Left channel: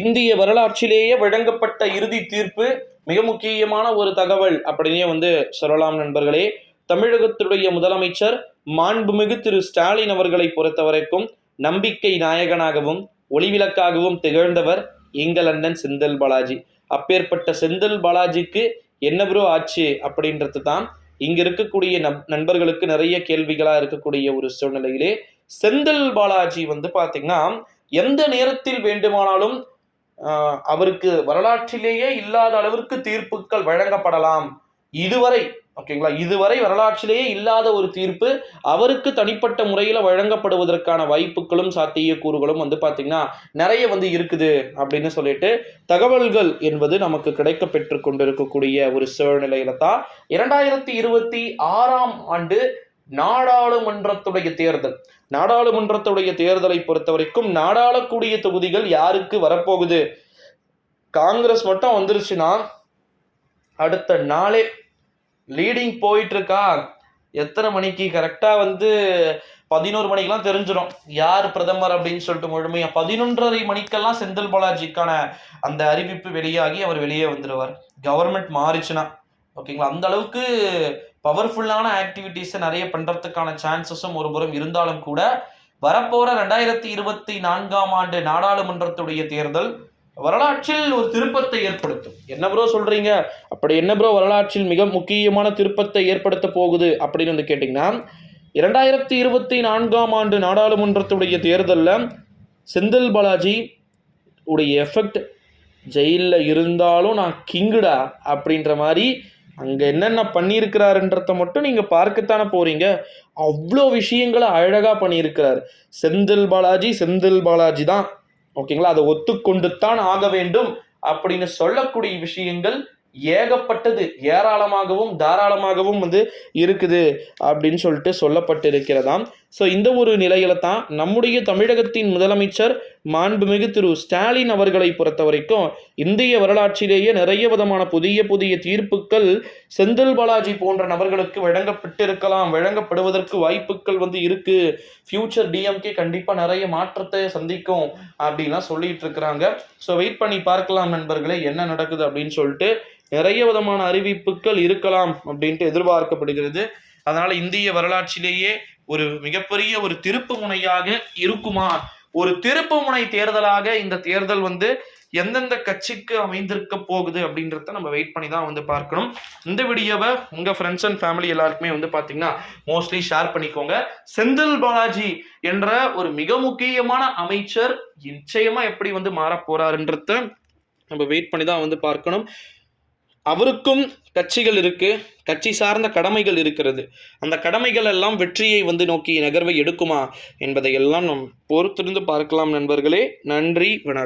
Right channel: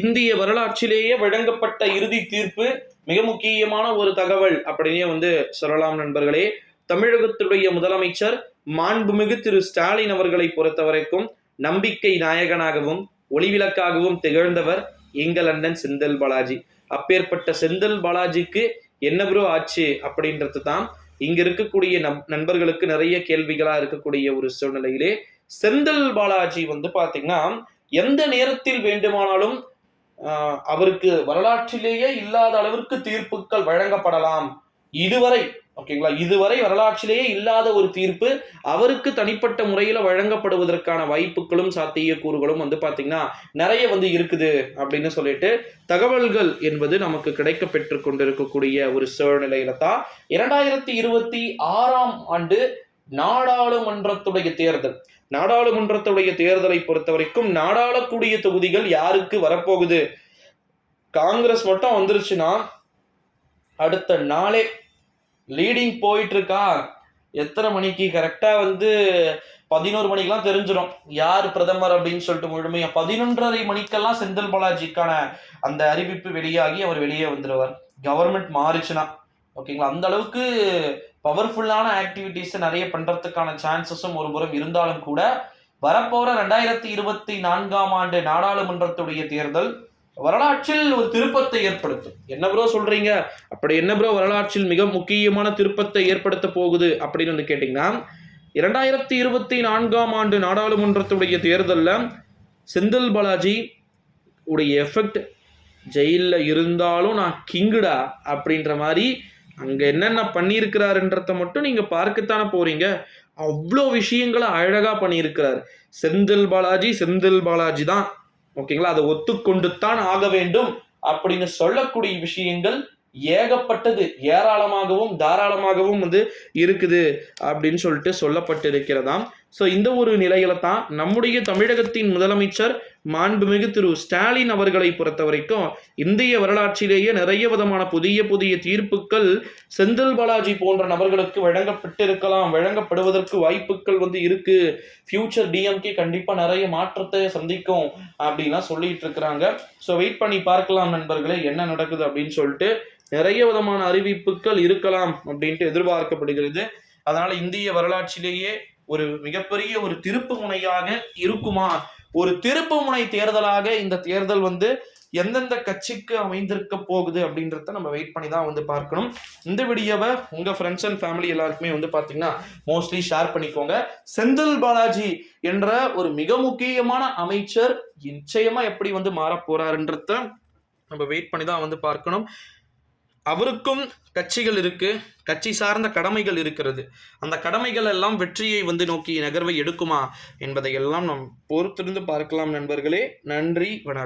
இந்திய வரலாற்றிலேயே வழங்கப்பட்ட இறுதி தீர்ப்பு மிக முக்கியமான ஒரு தகவல் அப்படின்னே வந்து சொல்லலாம் நண்பர்களே. தமிழகத்துடைய முதலமைச்சர் மாண்புமிகு திரு ஸ்டாலின் அவர்களை பொறுத்த வரைக்கும் நம்பிக்கை நாயகனாகவும் ஒளிவிளக்காகவும் திகழ்ந்தவர் எங்கள் அண்ணன் செந்தில் பாலாஜி. அப்பேற்பட்ட செந்தில் பாலாஜிக்கு என்ன ப்ரோ ஆச்சு அப்படின்றது தான் இங்க இருக்கக்கூடிய நண்பர்களுக்கு நிறைய கேள்விகளா இருக்கக்கூடிய ஒரு சூழ்நிலையிலே செந்தில் பாலாஜி வந்து பாத்தீங்கன்னா எந்த நேரத்தில் வேண்டுமானாலும் அவருக்கு வரலாற்றிலேயே இல்லாத அளவிற்கு தீர்ப்புகள் வழங்கப்படலாம். இதுவரை ஓகேங்களா, இதுவரை வரலாற்றிலேயே இல்லாத ஒரு தீர்ப்பு அவருக்கு தனிப்பட்ட முறையில் வழங்கப்படுவதற்கான வாய்ப்புகளும் சாத்தியக்கூறுகளும் வந்து பார்த்தீங்கன்னா நிறைய வந்து இருக்குது அப்படின்னு சொல்லிட்டு தகவல்கள் என்பது நமக்கு கிடைக்க பெற்று கொண்டிருக்கக்கூடிய ஒரு சூழ்நிலையில தான் 2026 ஆண்டு நாடாளுமன்றத்துடைய தேர்தல். நாடாளுமன்றத்துடைய தேர்தலை பொறுத்த வரைக்கும் நாடாளக்கூடிய தொகுதிகள் யாருக்கு வரப்போகுது? காங்கிரஸ் மட்டும் வந்துருச்சுன்னா அடுத்த நாளே லீடிங் போயிட்டு இருக்கா. எத்தனை மணிக்கு கரெக்டா வந்து 11 மணிக்கெல்லாம் தெரிஞ்சிடும் யார் பிரதமர் அப்படின்னு சொல்லிட்டு முழுமையா 11:30 மணிக்கெல்லாம் செந்தில் பாலாஜிக்கான அந்த அறிவிப்பு வெளியாகி அவர் வெளியே வந்துடுவார். கவர்மெண்ட் மாறிச்சுன்னா ஓகேங்களா. அந்த அளவுக்கு பவர்ஃபுல்லான ஆக்டிவிட்டிஸை நிறைய பண்றதுக்கான சான்சஸும் ஒரு புறம் இருந்தாலும் கூட வரப்போற 2024 ஆண்டு நாடாளுமன்றத்துடைய தேர்தல் வரலாற்றில் ஒரு திருப்பத்தை ஏற்படுத்தும். என்ன ப்ரோ சொல்றீங்க? அப்படி என்ன ப்ரோ வரலாற்றில் மிக முக்கியமான திருப்பத்தை ஏற்படுத்த போகுது அப்படின்னு வந்து கேட்டீங்கன்னா 2024 ஆண்டு நாடாளுமன்றத்துடைய தேர்தலில் செந்தில் பாலாஜி உடைய எஃபெக்ட் ஜெயிலில் இருந்தாலும் நான் கிங்குடா அப்படின்ற மாதிரி அங்கே என்னென்ன பண்ணியிருக்கிறாருன்றத மட்டும் நீங்கள் பார்க்கத்தானே போறீங்க. அவ்வளோ விஷயங்களை அழகாக பண்ணியிருக்கிறார் செந்தில் பாலாஜி தான் ஓகேங்களா. அதை ஒத்துக்கொண்டு தான் ஆக வேண்டும் அப்படின்னு சொல்லக்கூடிய விஷயங்கள் ஏகப்பட்டது, ஏராளமாகவும் தாராளமாகவும் வந்து இருக்குது அப்படின்னு சொல்லிட்டு சொல்லப்பட்டு இருக்கிறதாம். ஸோ இந்த ஒரு நிலையில தான் நம்முடைய தமிழகத்தின் முதலமைச்சர் மாண்புமிகு திரு ஸ்டாலின் அவர்களை பொறுத்த வரைக்கும் இந்திய வரலாற்றிலேயே நிறைய விதமான புதிய புதிய தீர்ப்புகள் செந்தில் பாலாஜி போன்ற நபர்களுக்கு வழங்கப்பட்டிருக்கலாம், வழங்கப்படுவதற்கு வாய்ப்புகள் வந்து இருக்கு. ஃபியூச்சர் டிஎம்கே கண்டிப்பா நிறைய மாற்றத்தை சந்திக்கும் அப்படின்லாம் சொல்லிட்டு இருக்கிறாங்க. ஸோ வெயிட் பண்ணி பார்க்கலாம் நண்பர்களே என்ன நடக்குது அப்படின்னு சொல்லிட்டு. நிறைய விதமான அறிவிப்புகள் இருக்கலாம் அப்படின்ட்டு எதிர்பார்க்கப்படுகிறது. அதனால இந்திய வரலாற்றிலேயே ஒரு மிகப்பெரிய ஒரு திருப்பு முனையாக இருக்குமா, ஒரு திருப்பு முனை தேர்தலாக இந்த தேர்தல் வந்து எந்தெந்த கட்சிக்கு அமைந்திருக்க போகுது அப்படின்றத நம்ம வெயிட் பண்ணி தான் வந்து பார்க்கணும். இந்த வீடியோவை உங்க ஃப்ரெண்ட்ஸ் அண்ட் ஃபேமிலி எல்லாருக்குமே வந்து பார்த்தீங்கன்னா மோஸ்ட்லி ஷேர் பண்ணிக்கோங்க. செந்தில் பாலாஜி என்ற ஒரு மிக முக்கியமான அமைச்சர் நிச்சயமா எப்படி வந்து மாற போறாருன்றத நம்ம வெயிட் பண்ணி தான் வந்து பார்க்கணும். அவருக்கும் கட்சிகள் இருக்கு, கட்சி சார்ந்த கடமைகள் இருக்கிறது. அந்த கடமைகள் எல்லாம் வெற்றியை வந்து நோக்கி நகர்வை எடுக்குமா என்பதை எல்லாம் நாம் பொறுத்திருந்து பார்க்கலாம் நண்பர்களே. நன்றி, வணக்கம்.